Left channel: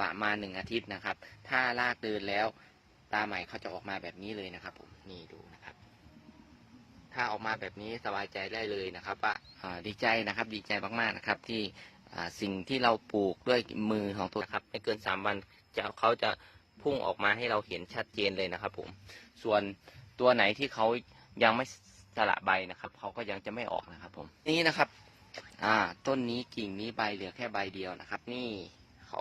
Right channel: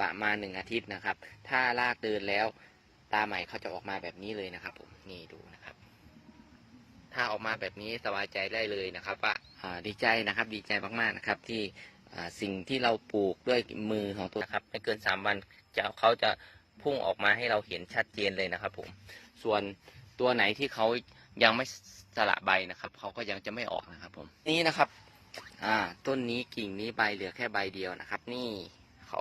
ประมาณหนึ่งอาทิตย์นะครับ ถ้าลากเดินแล้วตาใหม่เขาจะออกมาแบบนี้เลยนะครับ ผมนี่ดูนะครับ ถ้าออกมาแบบนี้สบายใจได้เลยนะครับว่าดีใจนะครับ ดีใจมากๆนะครับ ที่สิ่งที่เราปลูกด้วยมือของตัวนะครับไม่เกินสามวันจะเขาจะพุ่งออกมาให้เราเห็นชัดเจนเลยนะครับ ผม ส่วนตัวไหนที่เขายังไม่สละใบนะครับเขาก็ยังจะไม่ออกนะครับ ผมนี่นะครับ อ่า ต้นนี้กิ่งนี้ใบเหลือแค่ใบเดียวนะครับ นี่เขา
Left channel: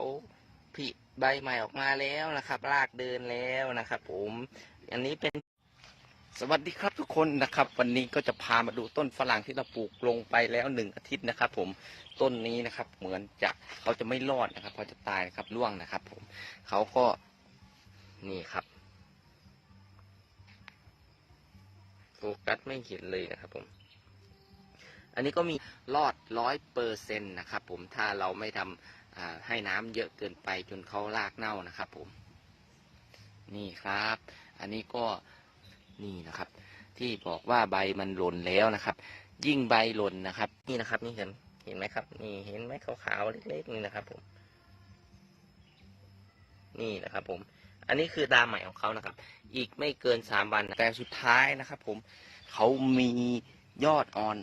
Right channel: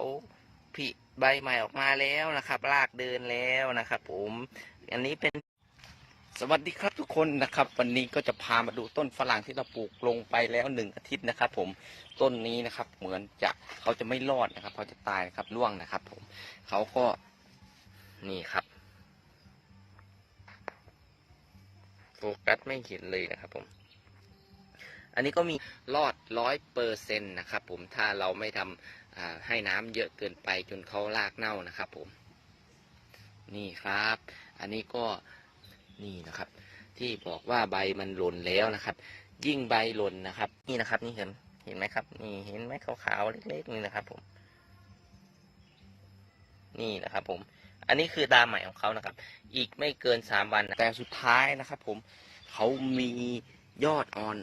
ผิใบใหม่ออกมาแล้วนะครับรากเดินแล้วนะครับ ผมอันนี้เป็นสวัสดีครับทุกคนนะครับ วันนี้ก็จะพามาดูต้นฝรั่งที่เราปลูกลงไปแล้วหนึ่งอาทิตย์นะครับ ผมต้นนี้นะครับ เหมือนจะเขาจะไม่รอดนะครับเขาจะตายครับร่วงนะครับ ผมเขาก็นี่ครับโฟกัสไม่เห็นเลยนะครับผม อันนี้ก็มีรอดร้อยเปอร์เซ็นต์นะครับผมถ้าเราไม่ทำอ่าให้น้ำเยอะเกินไปจนเขารากเน่านะครับผม นี่ครับ อันนี้ก็นี่นะครับ ที่บอกว่าใบมันหล่นแล้วนะครับ ยิ่งใบหล่นนะครับ นี่นะครับ นี่เห็นเห็นไหมครับ นี่เห็นไหมขาวๆเล็กๆนี่นะครับผม นี่นะครับผม อันนี้คือตาใหม่ของเขานะครับ อีกไม่เกินสามวันแต่สุดท้ายนะครับ ผมเขามียอดอ่อน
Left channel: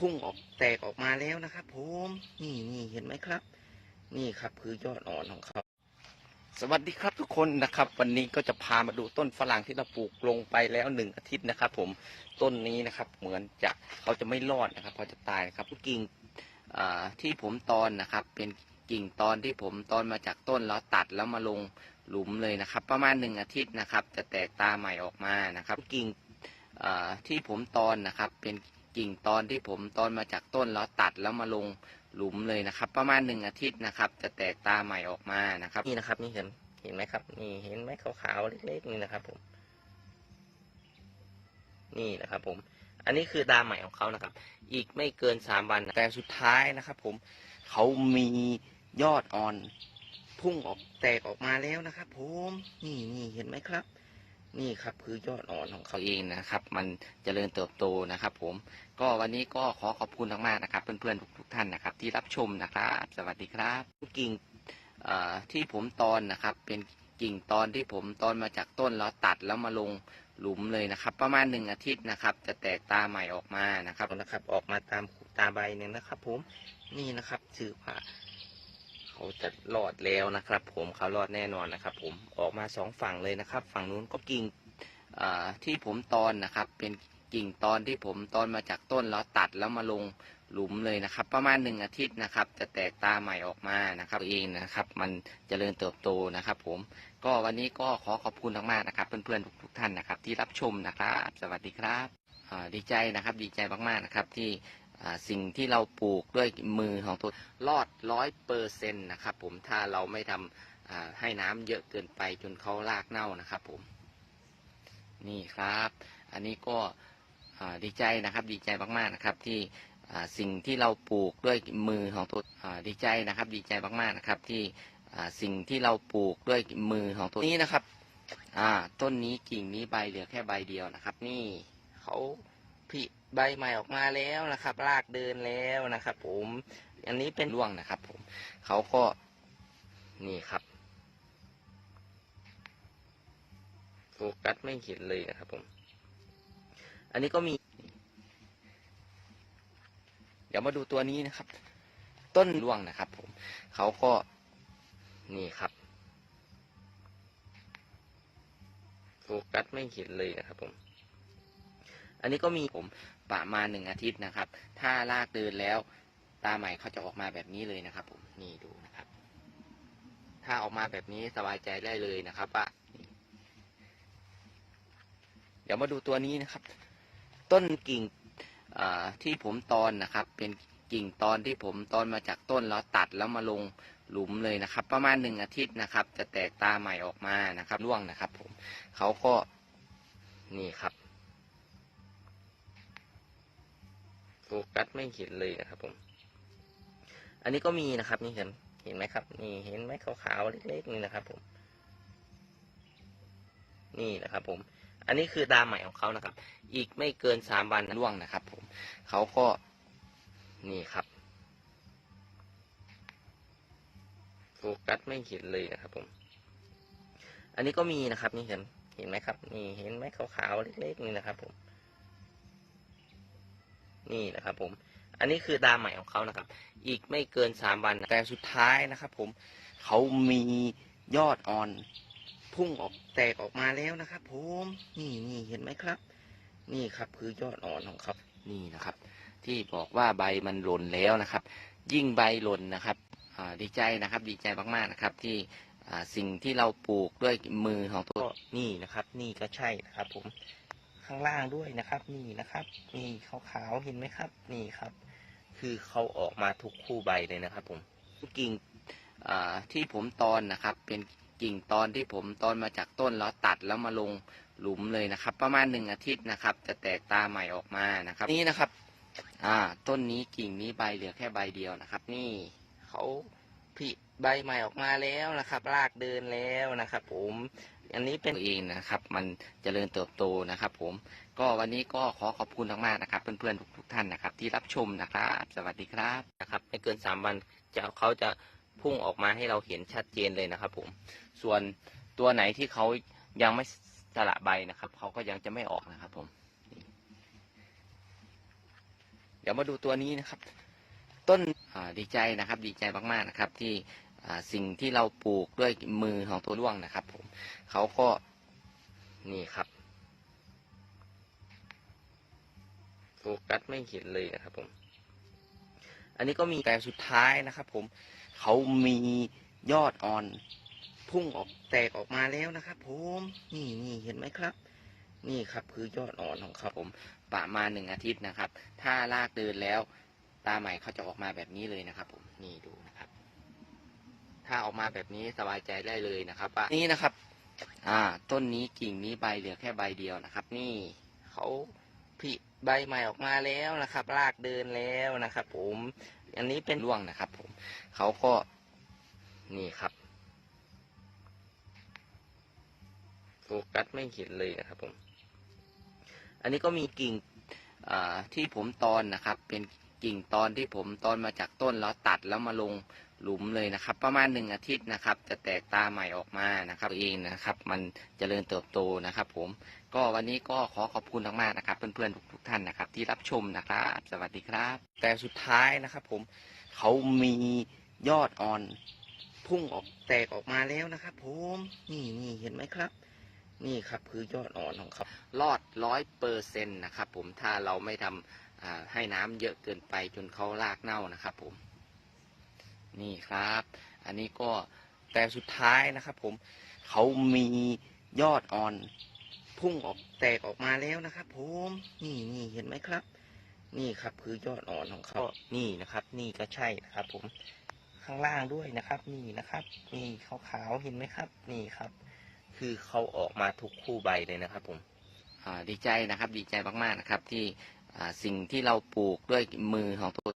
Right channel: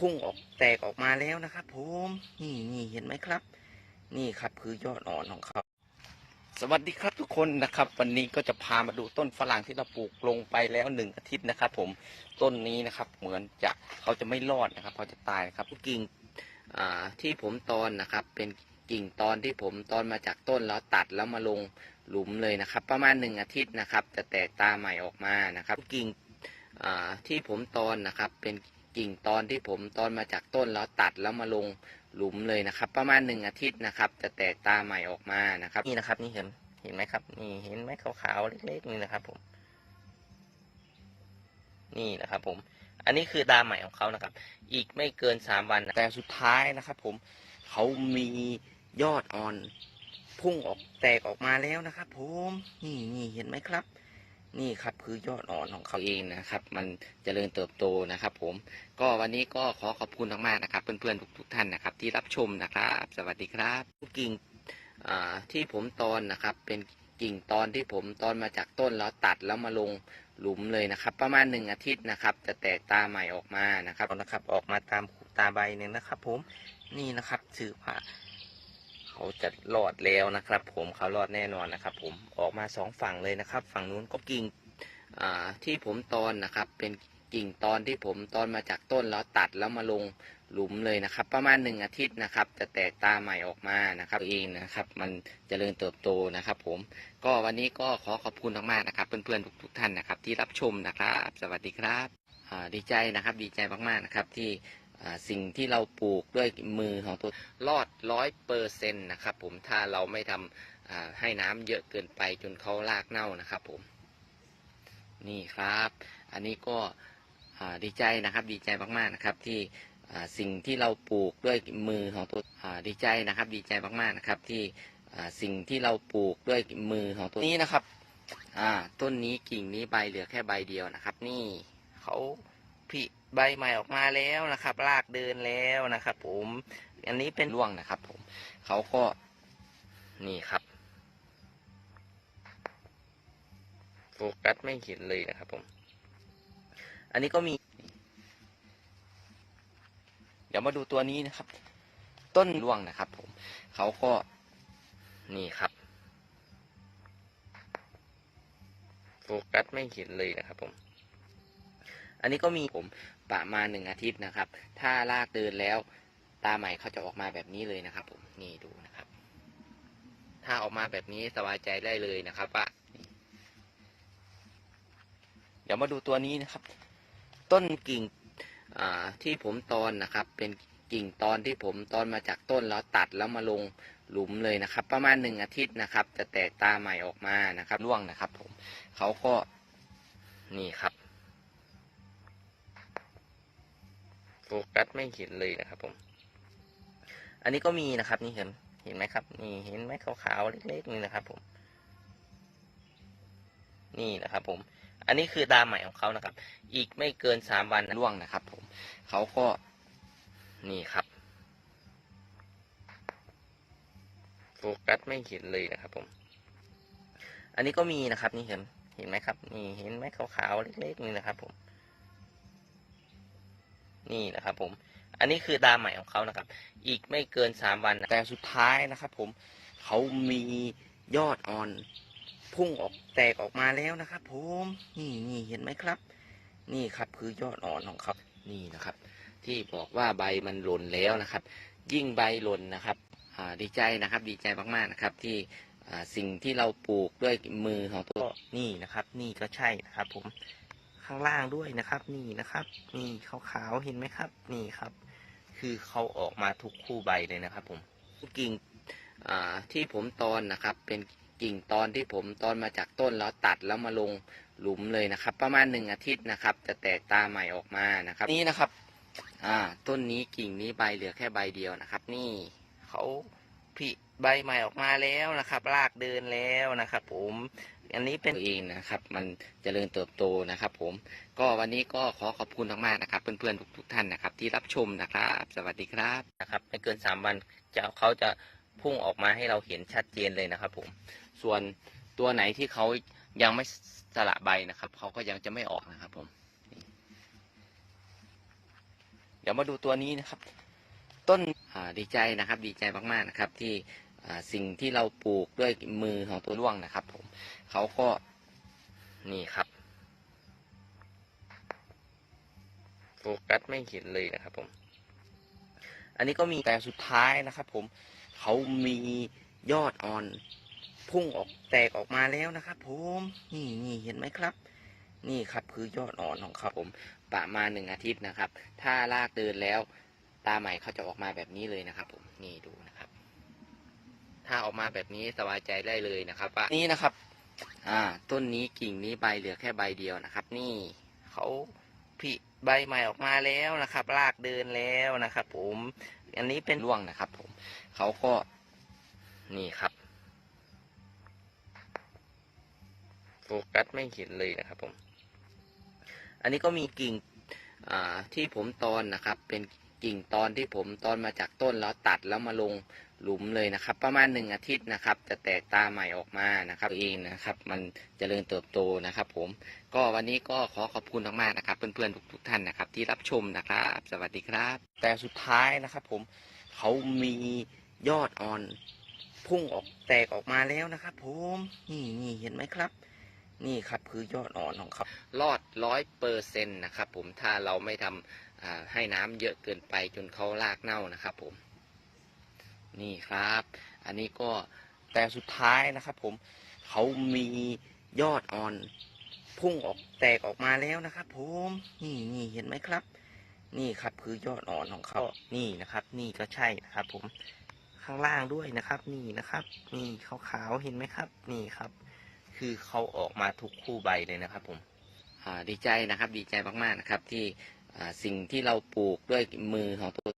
พุ่งออกแตกออกมาแล้วนะครับ ผมนี่นี่เห็นไหมครับ นี่ครับคือยอดอ่อนของเขาสวัสดีครับทุกคนนะครับ วันนี้ก็จะพามาดูต้นฝรั่งที่เราปลูกลงไปแล้วหนึ่งอาทิตย์นะครับ ผมต้นนี้นะครับ เหมือนจะเขาจะไม่รอดนะครับเขาจะตายครับกิ่งที่ผมตอนนะครับ เป็นกิ่งตอนที่ผมตอนมาจากต้นแล้วตัดแล้วมาลงหลุมเลยนะครับ ประมาณหนึ่งอาทิตย์นะครับ จะแตกตาใหม่ออกมานะครับ กิ่งที่ผมตอนนะครับ เป็น กิ่งตอนที่ผมตอนมาจากต้นแล้วตัดแล้วมาลงหลุมเลยนะครับ ประมาณหนึ่งอาทิตย์นะครับ จะแตกตาใหม่ออกมานะครับ นี่นะครับ นี่เห็นเห็นไหมครับ นี่เห็นไหมขาวๆเล็กๆนี่นะครับ ผม นี่นะครับผม อันนี้คือตาใหม่ของเขานะครับ อีกไม่เกินสามวันนะแต่สุดท้ายนะครับ ผมเขามียอดอ่อนพุ่งออกแตกออกมาแล้วนะครับ ผม นี่นี่เห็นไหมครับ นี่ครับคือยอดอ่อนของเขาเองนะครับ มันจเจริญเติบโตนะครับ ผม ก็วันนี้ก็ขอขอบคุณมากๆนะครับ เพื่อนๆทุกๆท่านนะครับ ที่รับชมนะครับ สวัสดีครับกิ่งที่ผมตอนนะครับ เป็นกิ่งตอนที่ผมตอนมาจากต้นแล้วตัดแล้วมาลงหลุมเลยนะครับ ประมาณหนึ่งอาทิตย์นะครับ จะแตกตาใหม่ออกมานะครับนะครับ ออกมาตามตาใบเนี่ยนะครับ ผมนี่นะครับถือว่า เขาจะรอดแล้วนะครับ ผมเขารอดแน่นอนนะครับ ผมออกมาสองฝั่งเลยนะครับ ฝั่งนู้นก็กิ่งที่ผมตอนนะครับ เป็นกิ่งตอนที่ผมตอนมาจากต้นแล้วตัดแล้วมาลงหลุมเลยนะครับ ประมาณหนึ่งอาทิตย์นะครับ จะแตกตาใหม่ออกมานะครับเองนะครับ มันจเจริญเติบโตนะครับ ผมก็วันนี้ก็ขอขอบคุณมากๆนะครับ เพื่อนๆทุกๆท่านนะครับ ที่รับชมนะครับ สวัสดีครับดีใจนะครับ ดีใจมากๆนะครับ ที่ สิ่งที่เราปลูกด้วยมือของตัวรอดร้อยเปอร์เซ็นต์นะครับผมถ้าเราไม่ทำอ่าให้น้ำเยอะเกินไปจนเขารากเน่านะครับผม นี่ครับ อันนี้ก็ดีใจนะครับดีใจมากๆนะครับที่สิ่งที่เราปลูกด้วยมือของตัวดีใจนะครับ ดีใจมากๆนะครับที่สิ่งที่เราปลูกด้วยมือของตัวนี้นะครับต้นนี้กิ่งนี้ใบเหลือแค่ใบเดียวนะครับ นี่เขาผลิ ใบใหม่ออกมาแล้วนะครับรากเดินแล้วนะครับ ผม อันนี้เป็นร่วงนะครับ ผม เขาก็นี่ครับโฟกัสไม่เห็นเลยนะครับ ผม อันนี้ก็มี เดี๋ยวมาดูตัวนี้นะครับ ต้นร่วงนะครับ ผม เขาก็นี่ครับโฟกัสไม่เห็นเลยนะครับผม อันนี้ก็มีผม ประมาณหนึ่งอาทิตย์นะครับ ถ้าลากเดินแล้วตาใหม่เขาจะออกมาแบบนี้เลยนะครับ ผมนี่ดูนะครับ ถ้าออกมาแบบนี้สบายใจได้เลยนะครับว่าเดี๋ยวมาดูตัวนี้นะครับ ต้นกิ่งที่ผมตอนนะครับ เป็นกิ่งตอนที่ผมตอนมาจากต้นแล้วตัดแล้วมาลงหลุมเลยนะครับ ประมาณหนึ่งอาทิตย์นะครับ จะแตกตาใหม่ออกมานะครับร่วงนะครับ ผมเขาก็นี่ครับ โฟกัสไม่เห็นเลยนะครับ ผม อันนี้ก็มีนะครับ นี่เห็นเห็นไหมครับ นี่เห็นไหมขาวๆเล็กๆนี่นะครับ ผม นี่นะครับ ผม อันนี้คือตาใหม่ของเขานะครับ อีกไม่เกินสามวันร่วงนะครับ ผมเขาก็นี่ครับโฟโฟกัสไม่เห็นเลยนะครับ ผม อันนี้ก็มีนะครับ นี่เห็นเห็นไหมครับ นี่เห็นไหมขาวๆเล็กๆนี่นะครับ ผม นี่นะครับ ผม อันนี้คือดาใหม่ของเขานะครับ อีกไม่เกินสามวันแต่สุดท้ายนะครับ ผมเขามียอดอ่อน พุ่งออกแตกออกมาแล้วนะครับ ผมนี่นี่เห็นไหมครับ นี่ครับคือยอดอ่อนของเขานี่นะครับ ที่บอกว่าใบมันหล่นแล้วนะครับ ยิ่งใบหล่นนะครับดีใจนะครับ ดีใจมากๆนะครับ ที่สิ่งที่เราปลูกด้วยมือของตัวนี่นะครับ นี่ก็ใช่นะครับ ผม ข้างล่างด้วยนะครับ นี่นะครับ นี่ขาวๆเห็นไหมครับ นี่ครับ คือเขาออกมาทุกคู่ใบเลยนะครับ ผมกิ่งอ่าที่ผมตอนนะครับ เป็นกิ่งตอนที่ผมตอนมาจากต้นแล้วตัดแล้วมาลงหลุมเลยนะครับ ประมาณหนึ่งอาทิตย์นะครับ จะแตกตาใหม่ออกมานะครับ นี่นะครับอ่าต้นนี้กิ่งนี้ใบเหลือแค่ใบเดียวนะครับ นี่เขาผลิใบใหม่ออกมาแล้วนะครับรากเดินแล้วนะครับ ผม อันนี้เป็นเองนะครับ มันจเจริญเติบโตนะครับ ผม ก็วันนี้ก็ขอขอบคุณมากๆนะครับ เพื่อนๆทุกๆท่านนะครับ ที่รับชมนะครับ สวัสดีครับนะครับไม่เกินสามวันจะเขาจะพุ่งออกมาให้เราเห็นชัดเจนเลยนะครับ ผม ส่วนตัวไหนที่เขายังไม่สละใบนะครับเขาก็ยังจะไม่ออกนะครับ ผม เดี๋ยวมาดูตัวนี้นะครับ ต้นดีใจนะครับ ดีใจมากๆนะครับ ที่ สิ่งที่เราปลูกด้วยมือของตัวร่วงนะครับ ผมเขาก็นี่ครับ โฟกัสไม่เห็นเลยนะครับ ผม อันนี้ก็มีแต่สุดท้ายนะครับ ผมเขามียอดอ่อนพุ่งออกแตกออกมาแล้วนะครับ ผมนี่นี่เห็นไหมครับ นี่ครับคือยอดอ่อนของเขาผมประมาณหนึ่งอาทิตย์นะครับ ถ้าลากเดินแล้วตาใหม่เขาจะออกมาแบบนี้เลยนะครับ ผมนี่ดูนะครับ ถ้าออกมาแบบนี้สบายใจได้เลยนะครับว่านี่นะครับ อ่า ต้นนี้กิ่งนี้ใบเหลือแค่ใบเดียวนะครับ นี่เขาผลิใบใหม่ออกมาแล้วนะครับรากเดินแล้วนะครับ ผม อันนี้เป็นร่วงนะครับ ผมเขาก็นี่ครับโฟกัสไม่เห็นเลยนะครับ ผม อันนี้ก็มีกิ่งอ่าที่ผมตอนนะครับ เป็นกิ่งตอนที่ผมตอนมาจากต้นแล้วตัดแล้วมาลง หลุมเลยนะครับ ประมาณหนึ่งอาทิตย์นะครับ จะแตกตาใหม่ออกมานะครับเองนะครับ มันจเจริญเติบโตนะครับ ผมก็วันนี้ก็ขอขอบคุณมากๆนะครับ เพื่อนๆทุกๆท่านนะครับ ที่รับชมนะครับ สวัสดีครับ แต่สุดท้ายนะครับ ผมเขามียอดอ่อนพุ่งออกแตกออกมาแล้วนะครับ ผมนี่นี่เห็นไหมครับ นี่ครับคือยอดอ่อนของเขารอดร้อยเปอร์เซ็นต์นะครับ ผมถ้าเราไม่ทำอ่าให้น้ำเยอะเกินไปจนเขารากเน่านะครับ ผม นี่ครับ อันนี้ก็แต่สุดท้ายนะครับ ผมเขามียอดอ่อนพุ่งออกแตกออกมาแล้วนะครับ ผมนี่นี่เห็นไหมครับ นี่ครับคือยอดอ่อนของเขานี่นะครับ นี่ก็ใช่นะครับ ผมข้างล่างด้วยนะครับ นี่นะครับ นี่ขาวๆเห็นไหมครับ นี่ครับ คือเขาออกมาทุกคู่ใบเลยนะครับ ผมดีใจนะครับ ดีใจมากๆนะครับ ที่สิ่งที่เราปลูกด้วยมือของตัว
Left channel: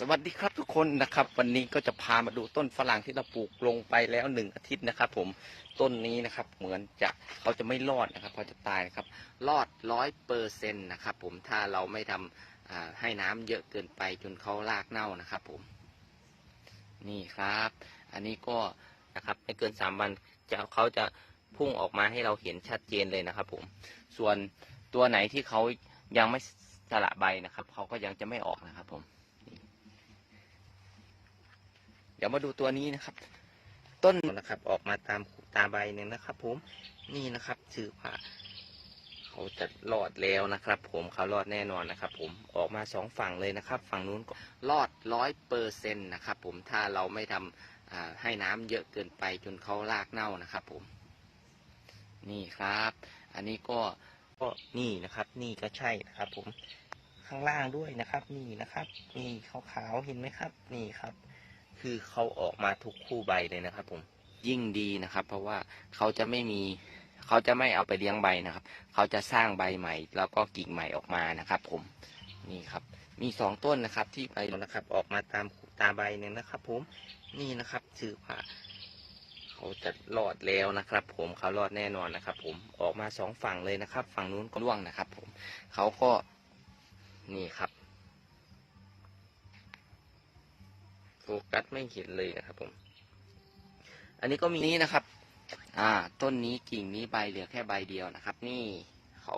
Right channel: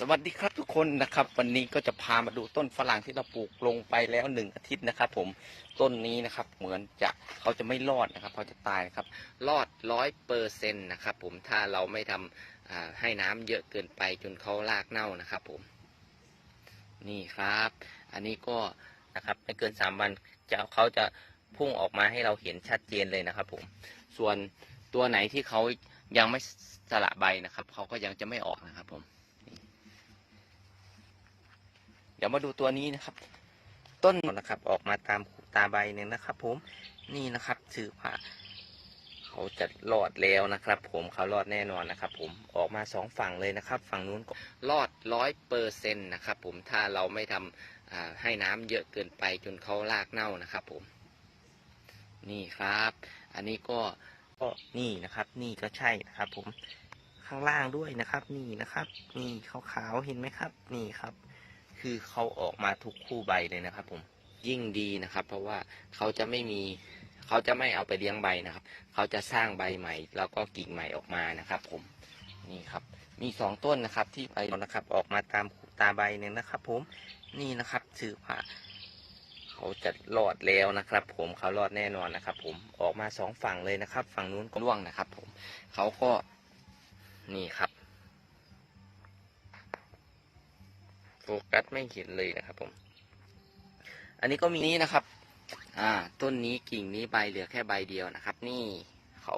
สวัสดีครับทุกคนนะครับ วันนี้ก็จะพามาดูต้นฝรั่งที่เราปลูกลงไปแล้วหนึ่งอาทิตย์นะครับผมต้นนี้นะครับ เหมือนจะเขาจะไม่รอดนะครับเขาจะตายครับ รอดร้อยเปอร์เซ็นต์นะครับ ผมถ้าเราไม่ทำอ่าให้น้ำเยอะเกินไปจนเขารากเน่านะครับ ผม นี่ครับ อันนี้ก็นะครับไม่เกินสามวันจะเขาจะพุ่งออกมาให้เราเห็นชัดเจนเลยนะครับ ผม ส่วนตัวไหนที่เขายังไม่สละใบนะครับเขาก็ยังจะไม่ออกนะครับ ผม เดี๋ยวมาดูตัวนี้นะครับ ต้นนะครับออกมาตามตาใบหนึ่งนะครับ ผมนี่นะครับถือว่าเขาจะรอดแล้วนะครับ ผมเขารอดแน่นอนนะครับ ผมออกมาสองฝั่งเลยนะครับ ฝั่งนู้นก็รอดร้อยเปอร์เซ็นต์นะครับ ผมถ้าเราไม่ทำอ่าให้น้ำเยอะเกินไปจนเขารากเน่านะครับ ผม นี่ครับ อันนี้ก็ก็นี่นะครับ นี่ก็ใช่นะครับ ผมข้างล่างด้วยนะครับ นี่นะครับ นี่ขาวๆเห็นไหมครับ นี่ครับ คือเขาออกมาทุกคู่ใบเลยนะครับ ผมยิ่งดีนะครับ เพราะว่าเขาจะไม่มีเขาจะไม่เอาไปเลี้ยงใบนะครับ เขาจะสร้างใบใหม่ แล้วก็กิ่งใหม่ออกมานะครับ ผมนี่ครับ มีสองต้นนะครับ ที่ไปนะครับ ออกมาตามตาใบเนี่ยนะครับ ผมนี่นะครับถือว่าเขาจะรอดแล้วนะครับ ผมเขารอดแน่นอนนะครับ ผมออกมาสองฝั่งเลยนะครับ ฝั่งนู้นก็ร่วงนะครับ ผมเขาก็นี่ครับ กัสไม่เห็นเลยนะครับผม อันนี้ก็มีนี่นะครับ อ่า ต้นนี้กิ่งนี้ใบเหลือแค่ใบเดียวนะครับ นี่เขา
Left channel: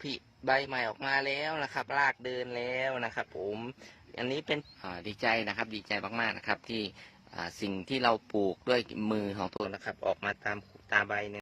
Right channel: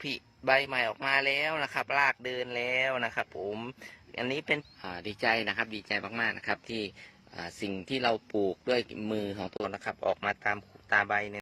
ผิใบใหม่ออกมาแล้วนะครับรากเดินแล้วนะครับ ผม อันนี้เป็นอ่าดีใจนะครับ ดีใจมากๆนะครับ ที่อ่าสิ่งที่เราปลูกด้วยมือของตัวนะครับ ออกมาตามตามใบเนี่ย